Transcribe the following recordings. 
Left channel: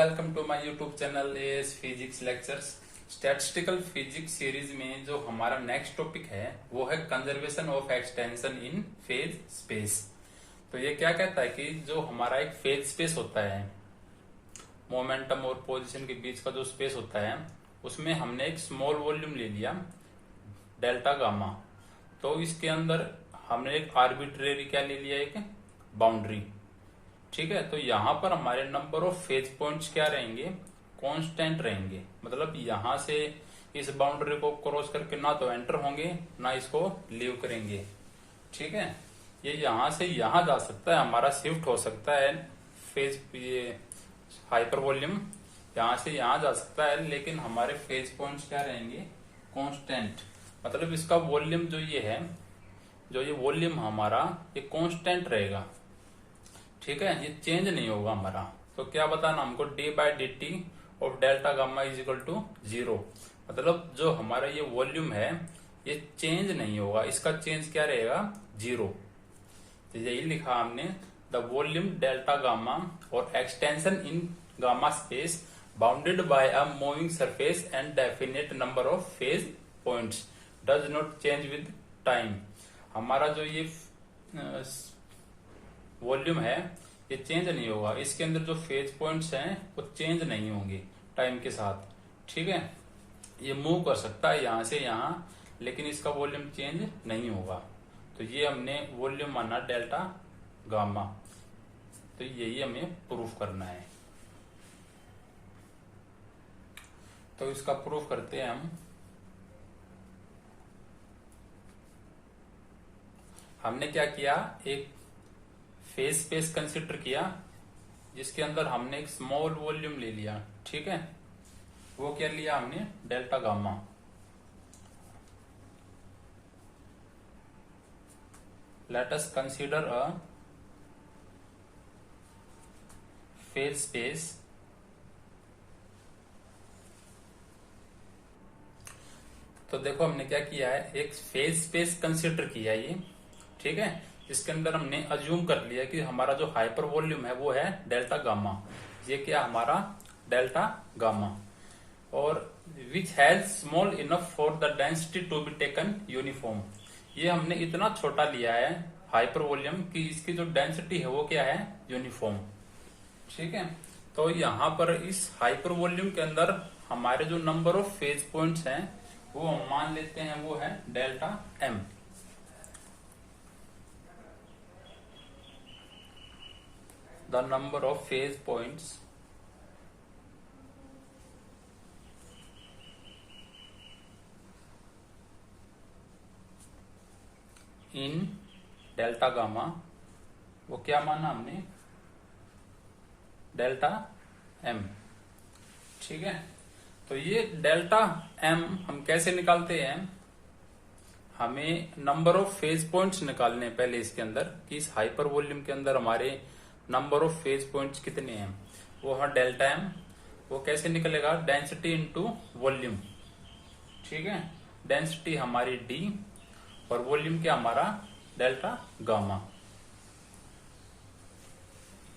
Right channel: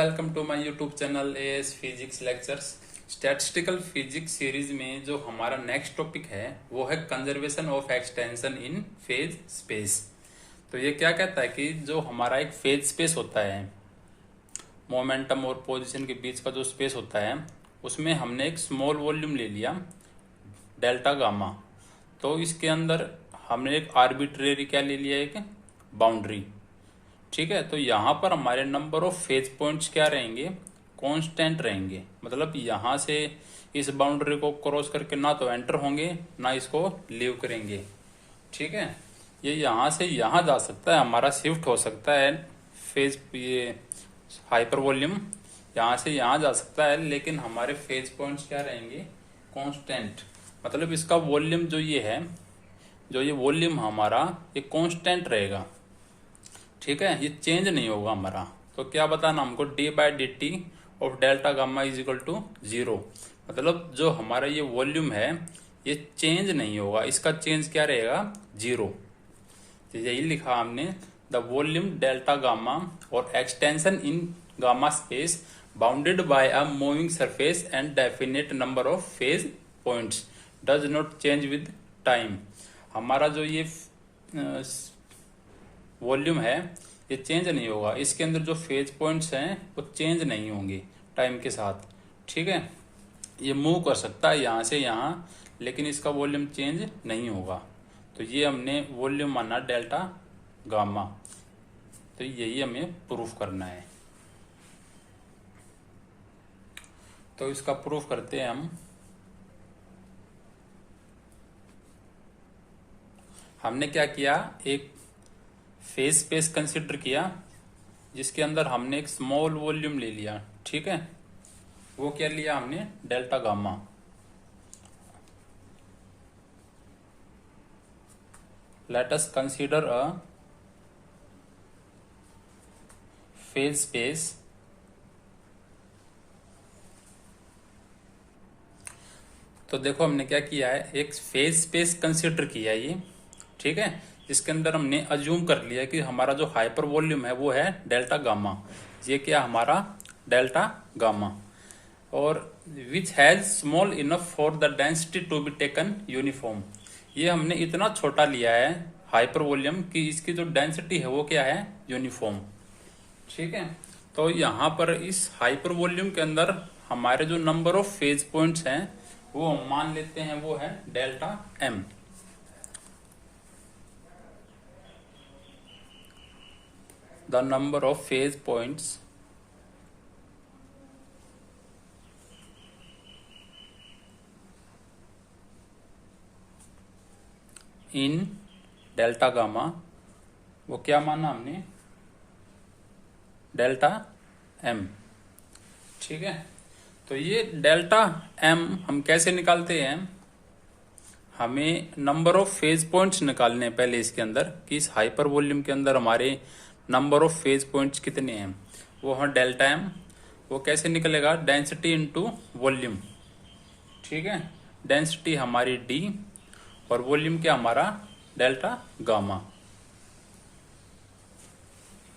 Welcome to my YouTube channel AS physics lectures. Statistical physics series में जो हमारा next topic है वो है conservation of extension in phase space. तो ये क्या कहता है कि जो हमारा एक फेज स्पेस होता है, मोमेंटम और पोजीशन के बीच का जो स्पेस होता है, उसमें हमने एक स्मॉल वॉल्यूम ले लिया डेल्टा गामा। तो इसके अंदर हमने एक आर्बिट्रेरी क्या ले लिया, एक बाउंड्री। ठीक है, तो यहां पर हमारे नंबर ऑफ फेज पॉइंट्स क्या रहेंगे, कांस्टेंट रहेंगे। मतलब यहां से इस बाउंड्री को क्रॉस करके ना तो एंटर होंगे ना इसको लीव करेंगे। ठीक है, ये यहां से यहां जा सकता है, हमारा शिफ्ट हो सकता है फेज, ये हाइपर वॉल्यूम यहां से यहां जा सकता है, लेकिन हमारे फेज पॉइंट्स क्या रहेंगे, कांस्टेंट। मतलब इसका वॉल्यूम जो ये है, जो ये वॉल्यूम हमारा ये कांस्टेंट रहेगा। ठीक है, ये चेंज नहीं होगा हमारा। तो क्या बताना हमको, D by D T of delta gamma is equal to 0। मतलब जो हमारा ये वॉल्यूम है ये चेंज नहीं होगा, इसका चेंज क्या रहेगा, 0। तो यही लिखा हमने, द वॉल्यूम डेल्टा गामा और extension in gamma space bounded by a moving surface and definite number of phase points does not change with time. हमारा जो ये वॉल्यूम है ये चेंज नहीं होगा, इसके अंदर जो फेज पॉइंट्स हैं वो चेंज नहीं होंगे टाइम के साथ। ठीक है, ये मूव कर सकता है यहां से यहां, लेकिन इसका वॉल्यूम चेंज नहीं होगा। तो ये हमने वॉल्यूम माना डेल्टा गामा। तो यही हमें प्रूफ करना है। तो इसका प्रूफ करते हैं हम। हमने क्या किया, एक फेज स्पेस कंसिडर किया जिसके अंदर हमने एक स्मॉल वॉल्यूम ले लिया। ठीक है, वो क्या लिया हमने, delta gamma. Let us consider a phase space तो देखो हमने क्या किया है, एक फेज स्पेस कंसिडर किया ये। ठीक है, इसके अंदर हमने अज्यूम कर लिया कि हमारा जो हाइपर वॉल्यूम है वो है डेल्टा गामा। ये क्या हमारा डेल्टा गामा, और which has small enough for the density to be taken uniform. ये हमने इतना छोटा लिया है हाइपर वॉल्यूम कि इसकी जो डेंसिटी है वो क्या है, यूनिफॉर्म। ठीक है, तो यहां पर इस हाइपर वॉल्यूम के अंदर हमारे जो नंबर ऑफ फेज पॉइंट्स हैं वो हम मान लेते हैं वो है delta M. The number of phase points in delta gamma, वो क्या माना हमने, डेल्टा एम। ठीक है, तो ये डेल्टा एम हम कैसे निकालते हैं, हमें नंबर ऑफ फेज पॉइंट्स निकालने हैं पहले इसके अंदर, कि इस हाइपर वॉल्यूम के अंदर हमारे नंबर ऑफ फेज पॉइंट्स कितने हैं, वो है डेल्टा एम। वो कैसे निकलेगा, डेंसिटी इनटू वॉल्यूम। ठीक है, डेंसिटी हमारी डी और वॉल्यूम क्या हमारा डेल्टा गामा।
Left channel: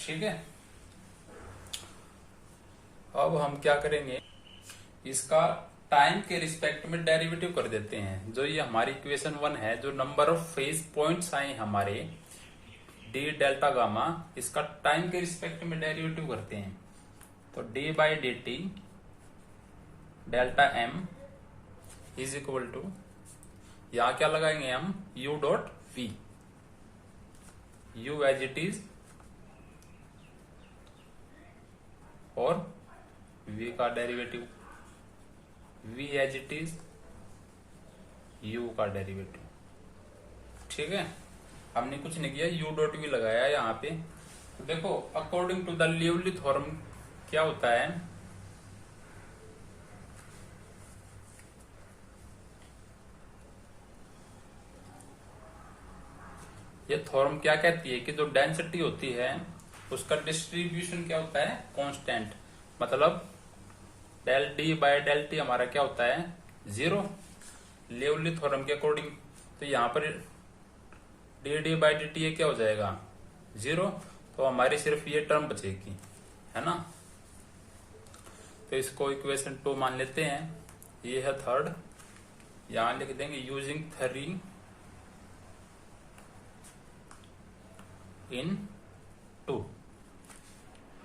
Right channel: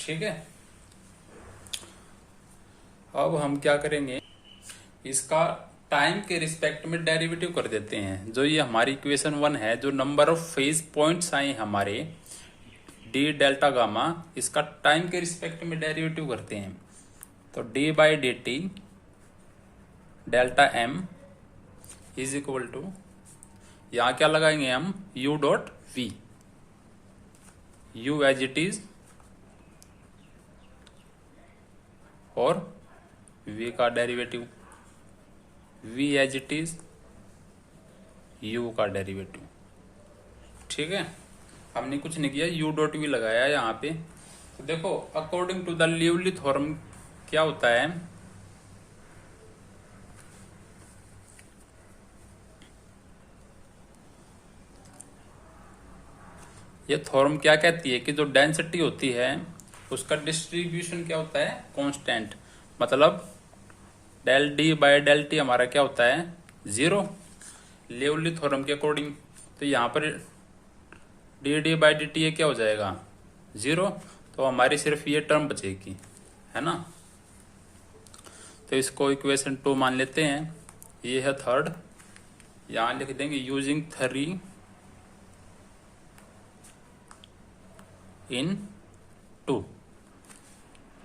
ठीक है, अब हम क्या करेंगे, इसका टाइम के रिस्पेक्ट में डेरिवेटिव कर देते हैं। जो ये हमारी इक्वेशन 1 है, जो नंबर ऑफ फेज पॉइंट्स आए हमारे डी डेल्टा गामा, इसका टाइम के रिस्पेक्ट में डेरिवेटिव करते हैं। तो D by D T delta M is equal to, यहां क्या लगाएंगे हम, U dot V, U as it is और वी का derivative, V as it is U का डेरिवेटिव। ठीक है, हमने कुछ नहीं किया, यू डॉट वी लगाया यहाँ पे। तो देखो according to the Liouville theorem क्या होता है, ये थ्योरम क्या कहती है कि जो डेंसिटी होती है उसका डिस्ट्रीब्यूशन क्या होता है, कांस्टेंट। मतलब del D by del T हमारा क्या होता है, 0 लिवली थ्योरम के अकॉर्डिंग। तो यहाँ पर D D by D T ये क्या हो जाएगा, 0। तो हमारी सिर्फ ये टर्म बचेगी, है ना। तो इसको इक्वेशन 2 मान लेते हैं। ये है थर्ड, यहां लिख देंगे यूजिंग 3 इन 2।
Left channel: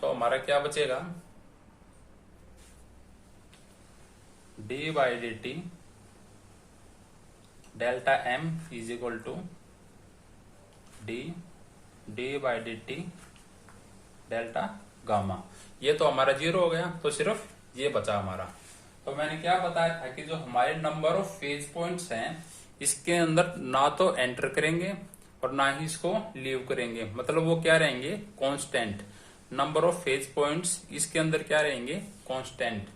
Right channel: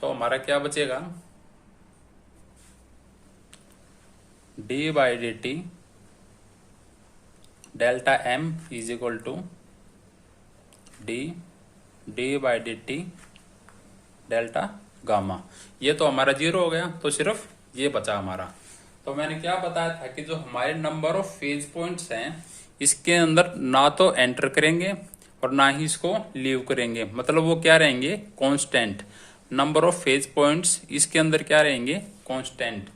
तो हमारा क्या बचेगा, D by D T delta M is equal to D by D T delta gamma. ये तो हमारा 0 हो गया, तो सिर्फ ये बचा हमारा। तो मैंने क्या बताया था कि जो हमारे नंबर ऑफ फेज पॉइंट्स हैं इसके अंदर ना तो एंटर करेंगे और ना ही इसको लीव करेंगे, मतलब वो क्या रहेंगे, constant. Number of phase points इसके अंदर क्या रहेंगे, कांस्टेंट।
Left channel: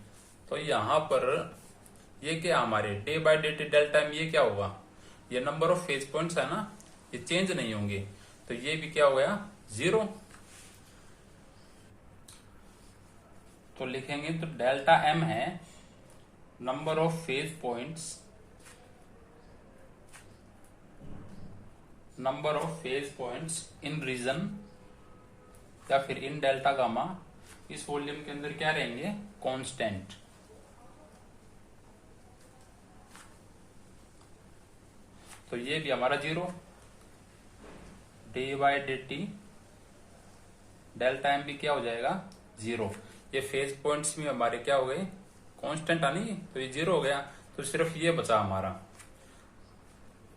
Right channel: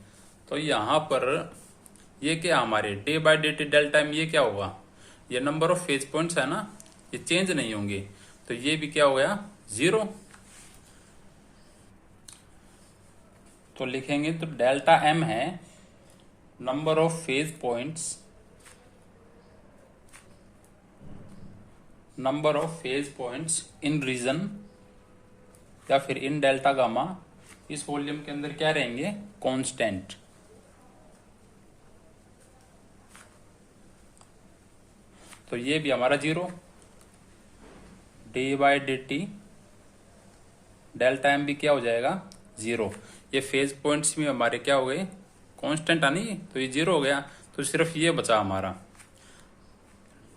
तो यहाँ पर ये क्या हमारे D by D T delta M, ये क्या होगा, ये नंबर ऑफ फेज पॉइंट्स है ना, ये चेंज नहीं होंगे, तो ये भी क्या हो गया, 0। तो लिखेंगे तो डेल्टा एम है number of phase points, number of phase points in region या फिर इन डेल्टा गामा, इस वॉल्यूम के अंदर क्या रहेंगे, कांस्टेंट। तो ये भी हमारा 0, D by D T delta M भी क्या हो जाएगा, 0। ये फेज पॉइंट्स भी हमारे क्या हो गए, कांस्टेंट आनी, तो ये 0 हो गया। तो सिर्फ ये बचा हमारा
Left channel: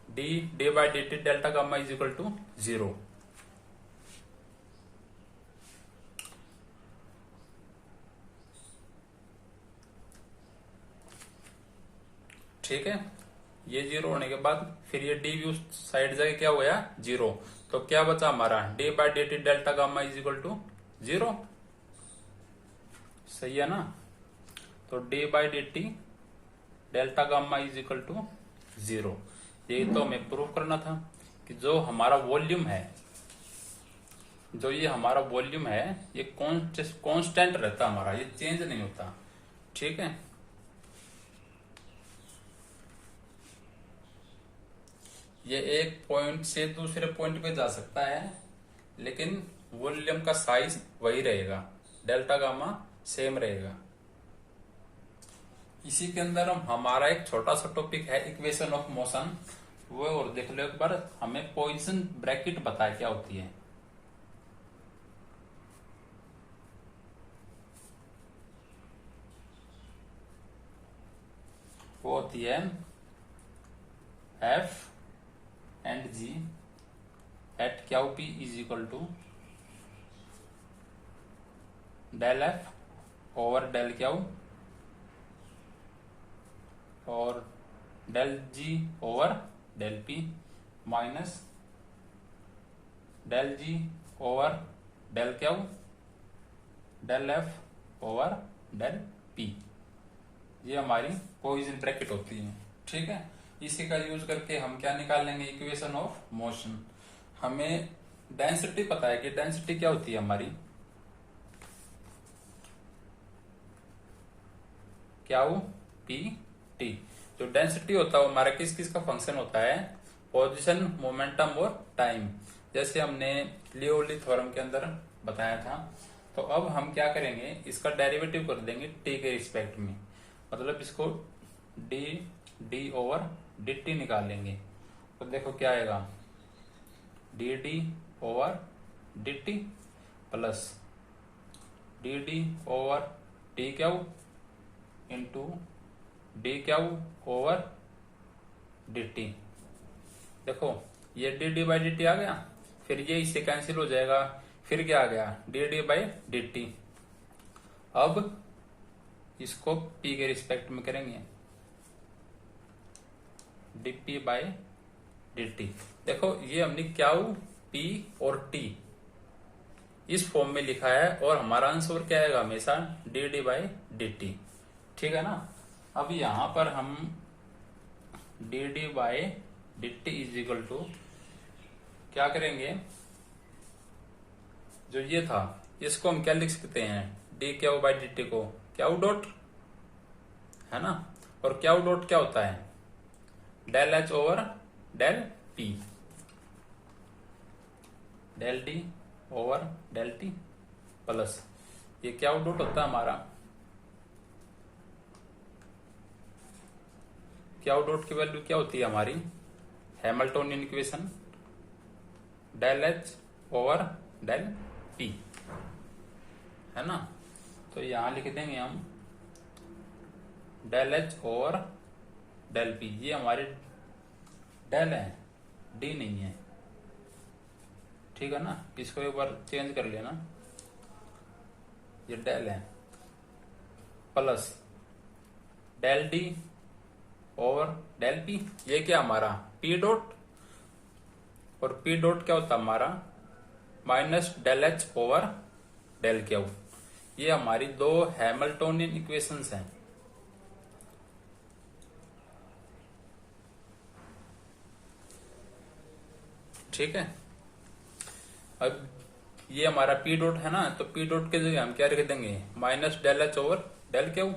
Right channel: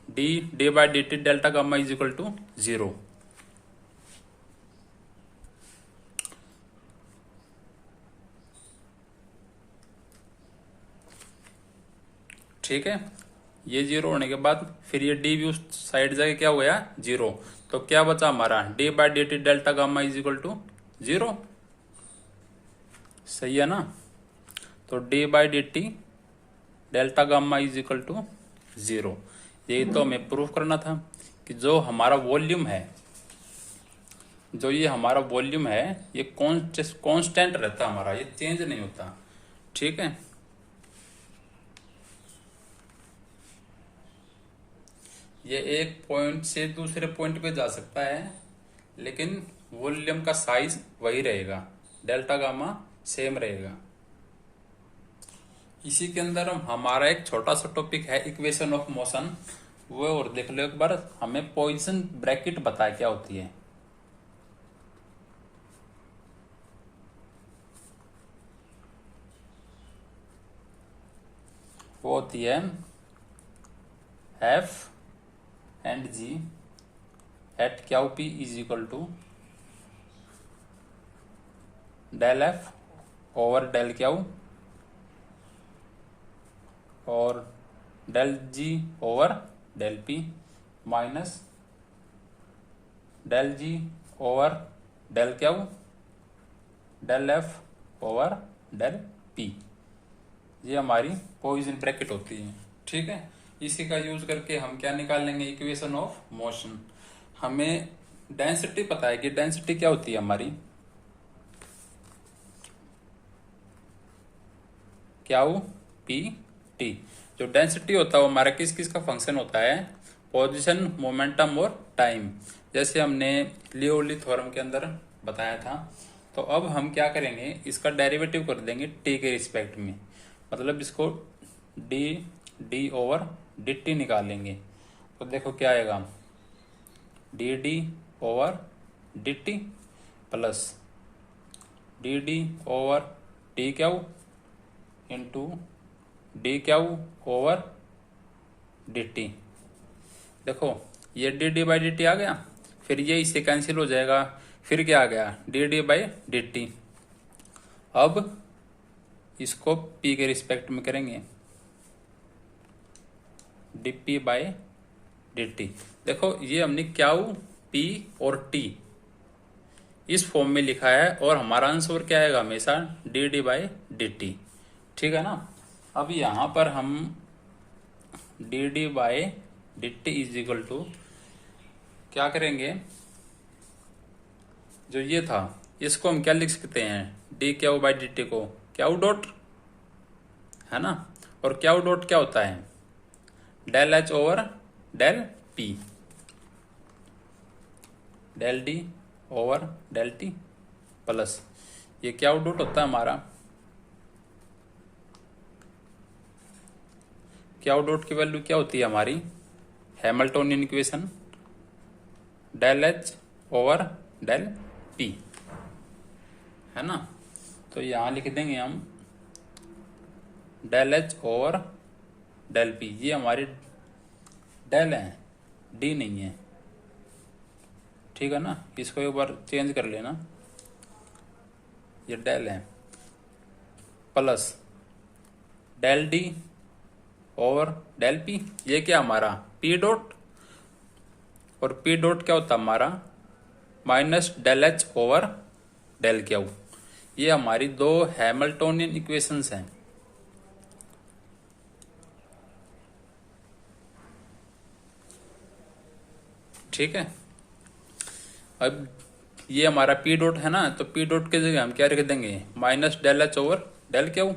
D by D T delta gamma is equal to 0। ठीक है, ये 0 होने के बाद फिर ये डी भी उस साइड जाके क्या हो गया, 0। तो क्या बचा हमारा, D by D T delta gamma is equal to 0। सही है ना। तो D by D T delta gamma is equal to 0। यही तो हमें प्रूव करना था कि जो हमारा वॉल्यूम है, जो ये हमारा वॉल्यूम है, ये कांस्टेंट रहता हमारा, ये चेंज नहीं होता। ठीक है, ये एक पॉइंट से दूसरे पॉइंट पे जा सकता है, लेकिन वॉल्यूम का साइज वही रहेगा, डेल्टा गामा सेम रहेगा। इसी के अंदर हमारा एक छोटा सा टॉपिक है इक्वेशन ऑफ मोशन, वो और देख लो एक बार। हमें पोजीशन ब्रैकेट बताया क्या होती है। वो होती है F and G at Q P is equal to del F over del Q और del G over del P minus del G over del Q del F over del P. ये हमारी पोजीशन ब्रैकेट होती है। ठीक है, इसी का use करके हम क्या निकाल लेंगे, इक्वेशन ऑफ मोशन। हमें डेंसिटी पता है कि डेंसिटी क्या होती है हमारी, क्यू पी टी। जो डेंसिटी होता है वो हमारा किस किस का फंक्शन होता है, पोजीशन, मोमेंटम और टाइम। जैसे हमने लियोली थ्योरम के अंदर बताया था। तो अब हम क्या करेंगे, इसका डेरिवेटिव कर देंगे टी के रिस्पेक्ट में, मतलब इसको डी ओवर डी टी निकालेंगे। तो देखो क्या आएगा, D D over D T plus D over T Q into D Q over D T. देखो ये डी बाई डी टी आ गया, फिर ये इससे कैंसिल हो जाएगा, फिर क्या आ गया, डी बाई डी टी। अब इसको पी के रिस्पेक्ट में करेंगे, D P by D T. देखो ये हमने क्यू पी और टी इस फॉर्म में लिखा है, और हमारा आंसर क्या आएगा हमेशा डी बाई डी टी। ठीक है ना। अब यहां पर हम D by D T is equal to क्या करेंगे, जो ये था इसको हम क्या लिख सकते हैं, D Q by D T को क्यू डॉट, है ना। और क्यू डॉट क्या होता है, del H over del P, del D over del T plus ये क्यू डॉट होता है हमारा क्यू डॉट की वैल्यू क्या होती है हमारी, Hamiltonian equation del H over del P, है ना। तो यहां लिख देंगे हम del H over del P, ये हमारी डेल है, डी नहीं है, ठीक है ना। इसको एक बार चेंज कर लेना, ये डेल है, plus del D over del P, ये क्या हमारा पी डॉट, और पी डॉट क्या होता है हमारा minus del H over del Q. ये हमारी दो हैमिल्टोनियन इक्वेशंस हैं। ठीक है, अब ये हमारा पी डॉट है ना, तो पी डॉट के जगह हम क्या लिख देंगे, minus del H over del Q.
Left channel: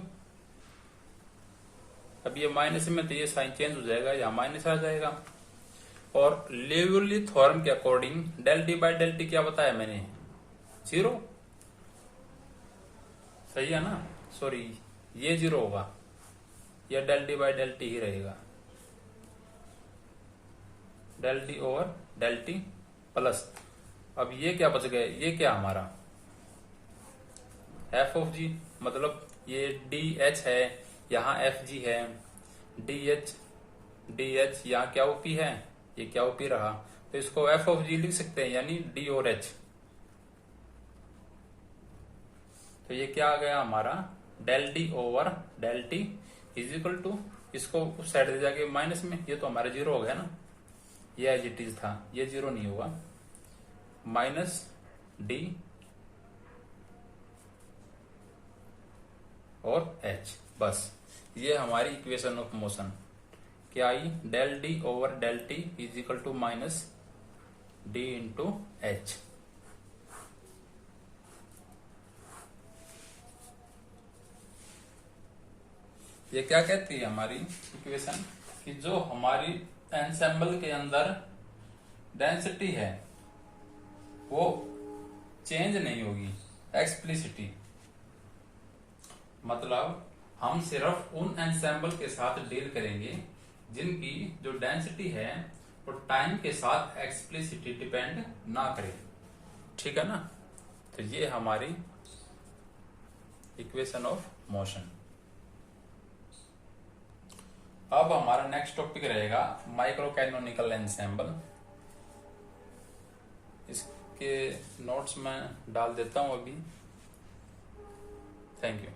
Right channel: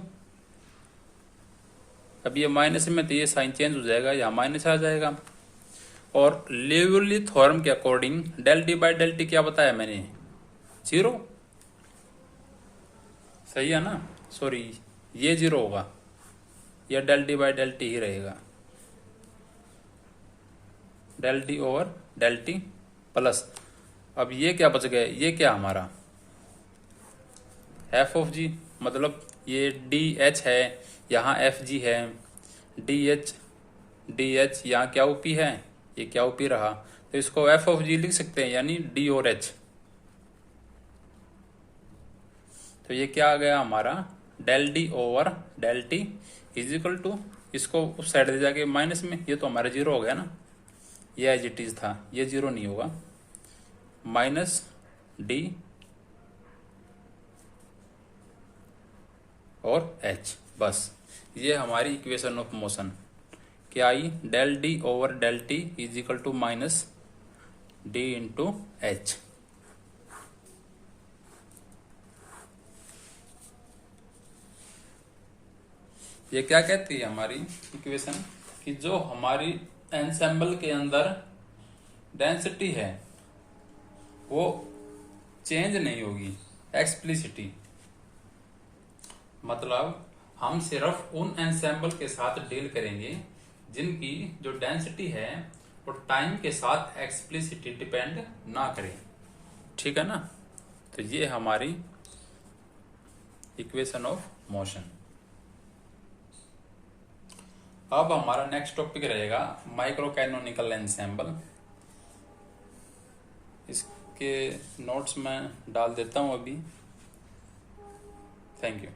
अब ये माइनस में तो ये साइन चेंज हो जाएगा, यहाँ माइनस आ जाएगा। और लिवली थ्योरम के according del D by del T क्या बताया मैंने, 0, सही है ना। सॉरी, ये 0 होगा, यह del D by del T ही रहेगा, del D over del T plus, अब ये क्या बच गए, ये क्या हमारा एफ ऑफ जी, मतलब ये डी एच है, यहाँ एफ जी है, डी एच यहाँ क्या ओपी है, ये क्या ओपी रहा, तो इसको एफ ऑफ जी लिख सकते हैं, यानी डी और एच। तो ये क्या आ गया हमारा del D over del T is equal to, इसको उस साइड ले जाके माइनस में, ये तो हमारा 0 हो गया ना, ये एज इट इज था, ये 0 नहीं होगा, माइनस डी और एच, बस ये हमारी इक्वेशन ऑफ मोशन क्या आई, del D over del T is equal to minus D into H. ये क्या कहती है हमारी इक्वेशन, कि जो हमारी एंसेम्बल के अंदर डेंसिटी है वो चेंज नहीं होगी, एक्सप्लिसिटी, मतलब हम सिर्फ उन एंसेम्बल के साथ डील करेंगे जिनकी जो डेंसिटी है वो टाइम के साथ एक्सप्लिसिटी डिपेंड ना करे, ठीक है ना। तो ये हमारी इक्वेशन ऑफ मोशन। अब हमारा नेक्स्ट टॉपिक रहेगा माइक्रो कैनोनिकल एंसेम्बल। इसके नोट्स में डाल देता हूं अभी। Thank you.